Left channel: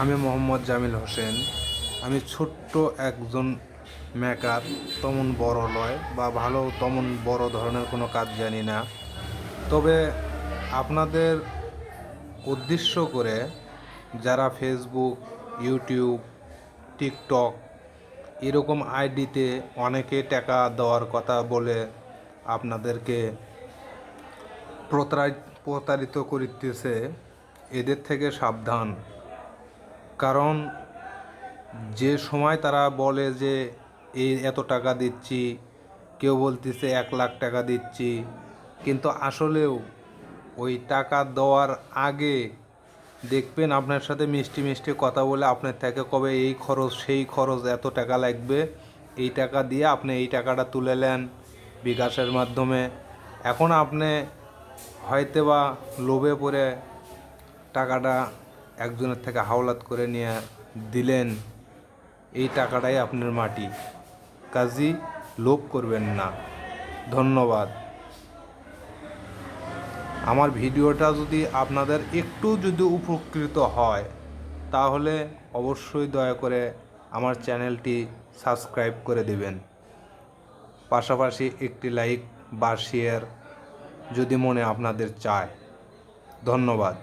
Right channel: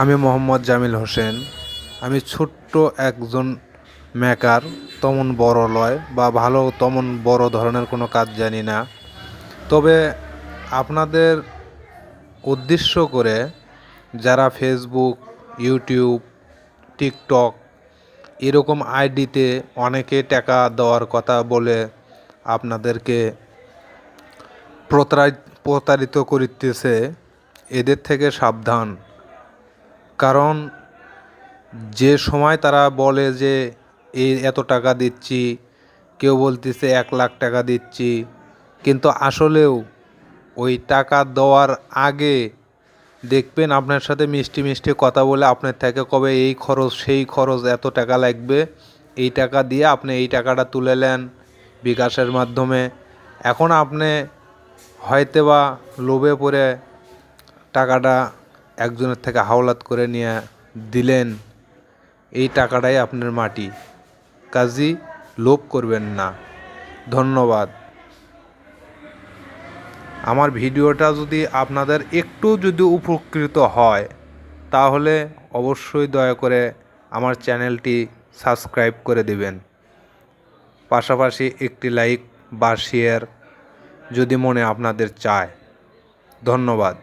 আমি মোহাম্মদ জামিল হোসেন। আমি ছোট্ট একজন মেকার, তেমন বড় লয় বা ভালো তেমন বড় ধরনের কোনো কাজ জানি না। তবে আপনাদের উদ্দেশ্য করে যারা ফেসবুক, ইউটিউব, টিকটক এরকম আইডিতে অনেকে টাকা দেওয়ার কথা বলে আপনাদেরকে প্রতারিত করিতেছে, এদের থেকে সাবধান। কারণ যে সময় তারা বলে যে এই এত টাকা দিচ্ছি, কেউ বলতেছে 1 লাখ টাকা দিচ্ছি, কিন্তু আসলেও ওই টাকা দেওয়ার আগে দেখবেন আপনার সাথে মিষ্টি মিষ্টি কথা বলে আপনার থেকে কবে এই খরচ সেই খরচ, এত টাকা লাগবে, এই টাকা দিয়ে আপনি এই টাকাটা তুলে নেন বিকাশের মাধ্যমে। এখন আপনি হয়তো বা লোভে পড়ে টাকাটা একজনের থেকে হাওলাত করে নিয়ে দিলেন, এই টাকাটাই আপনার মাটি। কাজেই লোভ করবেন না। ধন্যবাদ। আমার ভিডিওটা যদি আপনাদের একটু যদি উপকৃত হয়, তাহলে অবশ্যই দয়া করে আমার চ্যানেলটি সাবস্ক্রাইব করে দিবেন। পাশাপাশি একটি লাইক বা শেয়ার যদি মনে আপনাদের চায়। ধন্যবাদ।